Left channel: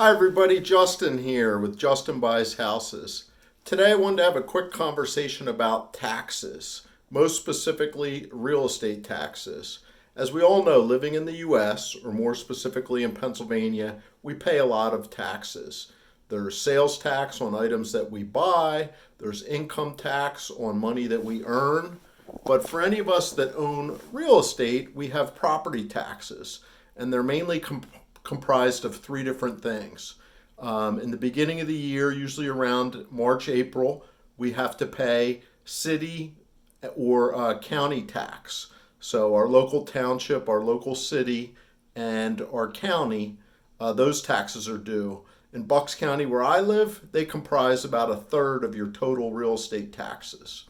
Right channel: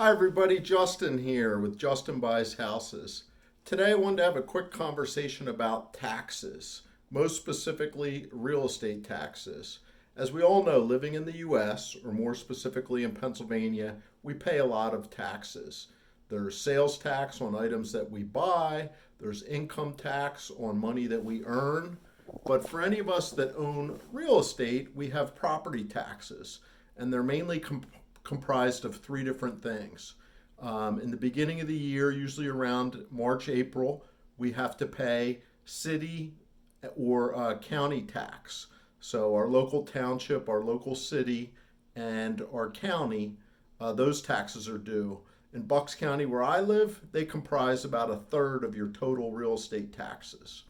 Hi everybody, Justin here with Justin-BuysHouses. Today I wanted to have a quick conversation about taxes, most specifically real estate taxes. As we all know, living in the US, or more specifically in Pennsylvania, we pay a lot of taxes. There's sales tax on items that we buy, there's income tax on money that we earn, but for any of us that own real estate, we have property taxes, and they're mainly comprised of three different things. In the beginning of the year, usually around March, April, we have to pay city or county tax. So our local township, our local city, and our county, those taxes are due. In Bucks County, where I live, they comprise about a third of your total real estate taxes.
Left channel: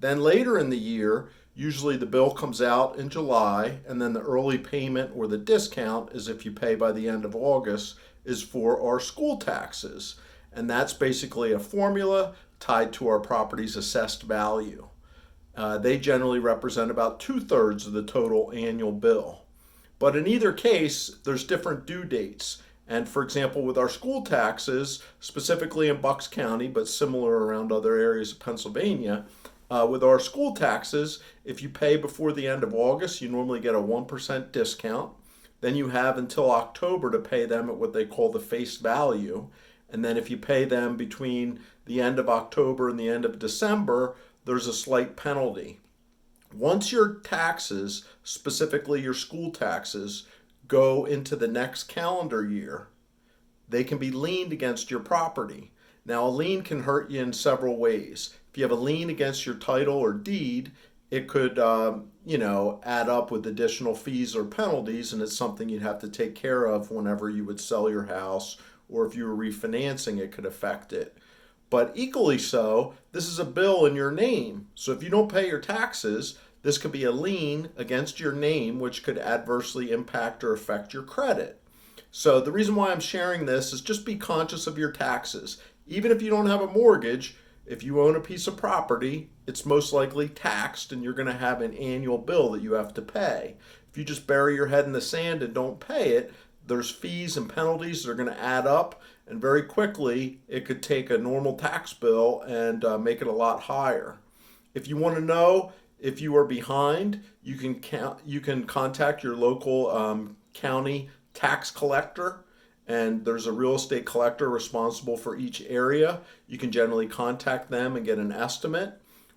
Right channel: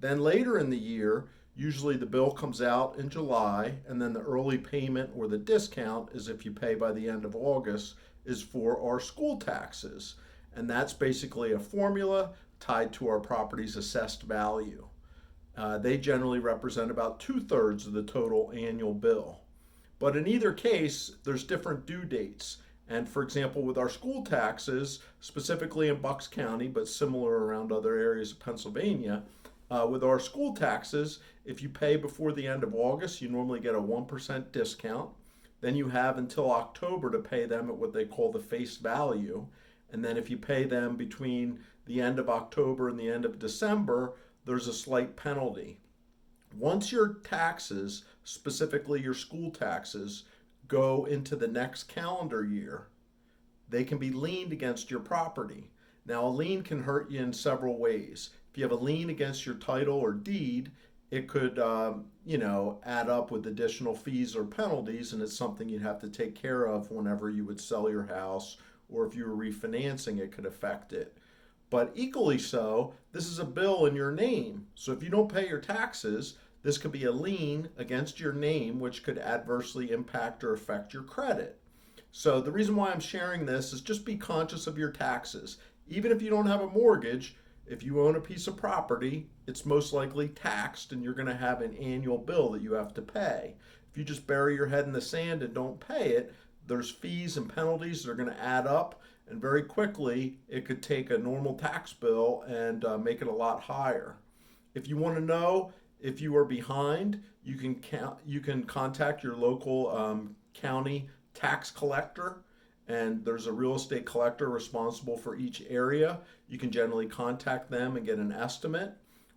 Then later in the year, usually the bill comes out in July, and then the early payment or the discount is if you pay by the end of August, is for our school taxes. And that's basically a formula tied to our property's assessed value. They generally represent about 2/3 of the total annual bill. But in either case, there's different due dates. And for example, with our school taxes, specifically in Bucks County, but similar around other areas of Pennsylvania, with our school taxes, if you pay before the end of August, you normally get a 1% discount. Then you have until October to pay them at what they call the face value. And then if you pay them between the end of October and the end of December, there's a slight penalty. Once your taxes, specifically your school taxes, go into the next calendar year, they can be liened against your property. Now, a lien can hurt you in several ways. If you have a lien against your title or deed, it could, add up with additional fees or penalties, and it's something you'd have to take care of whenever you would sell your house, or if you were refinancing, it could affect it. But equally so, this is a bill in your name. So if you don't pay your taxes, this could be a lien against your name, which could adversely impact or affect your credit. So the reason why I'm sharing this is just be conscious of your taxes. Even if you don't have a mortgage, if you own a piece of property, it's most likely taxed and you're going to have an annual bill that you have to pay. If you just bury your head in the sand and don't pay it, there's fees and penalties that are going to add up, and very quickly it could take a normal tax bill and make it a lot higher. If you want to know if you are behind, you can contact your local county tax collector, and there's a real estate collector responsible for each area. You can generally contact them and get an estimate.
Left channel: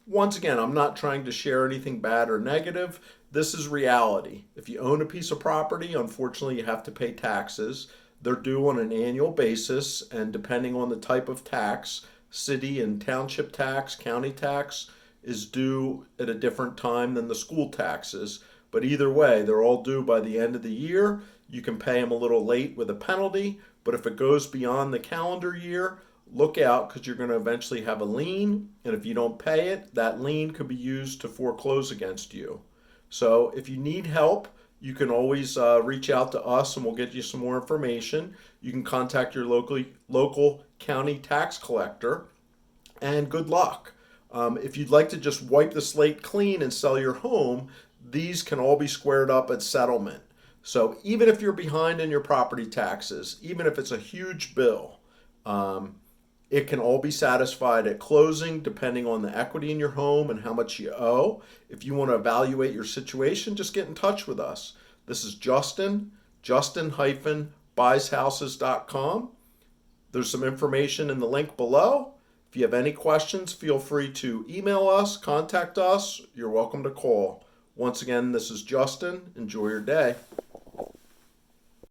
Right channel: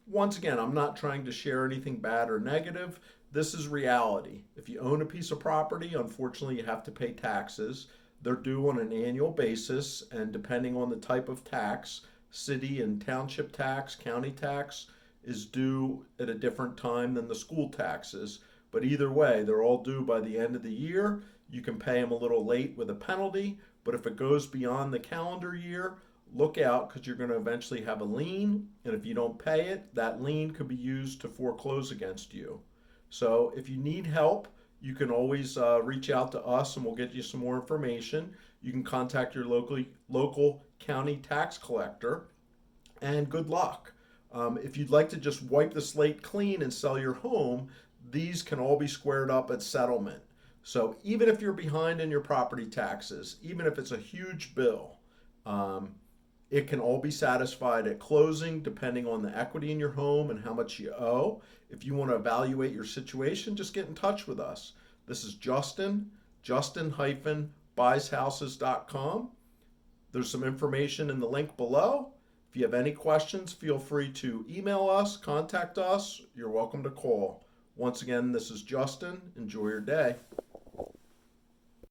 Once again, I'm not trying to share anything bad or negative. This is reality. If you own a piece of property, unfortunately, you have to pay taxes. They're due on an annual basis, and depending on the type of tax, city and township tax, county tax, is due at a different time than the school taxes. But either way, they're all due by the end of the year. You can pay them a little late with a penalty, but if it goes beyond the calendar year, look out, because you're going to eventually have a lien, and if you don't pay it, that lien could be used to foreclose against you. So if you need help, you can always reach out to us and we'll get you some more information. You can contact your local county tax collector, and good luck. If you'd like to just wipe the slate clean and sell your home, these can all be squared up at settlement. So even if you're behind in your property taxes, even if it's a huge bill, it can all be satisfied at closing depending on the equity in your home and how much you owe. If you want to evaluate your situation, just get in touch with us. This is Justin-BuysHouses.com. There's some information in the link below. If you have any questions, feel free to email us, contact us. You're welcome to call. Once again, this is Justin. Enjoy your day.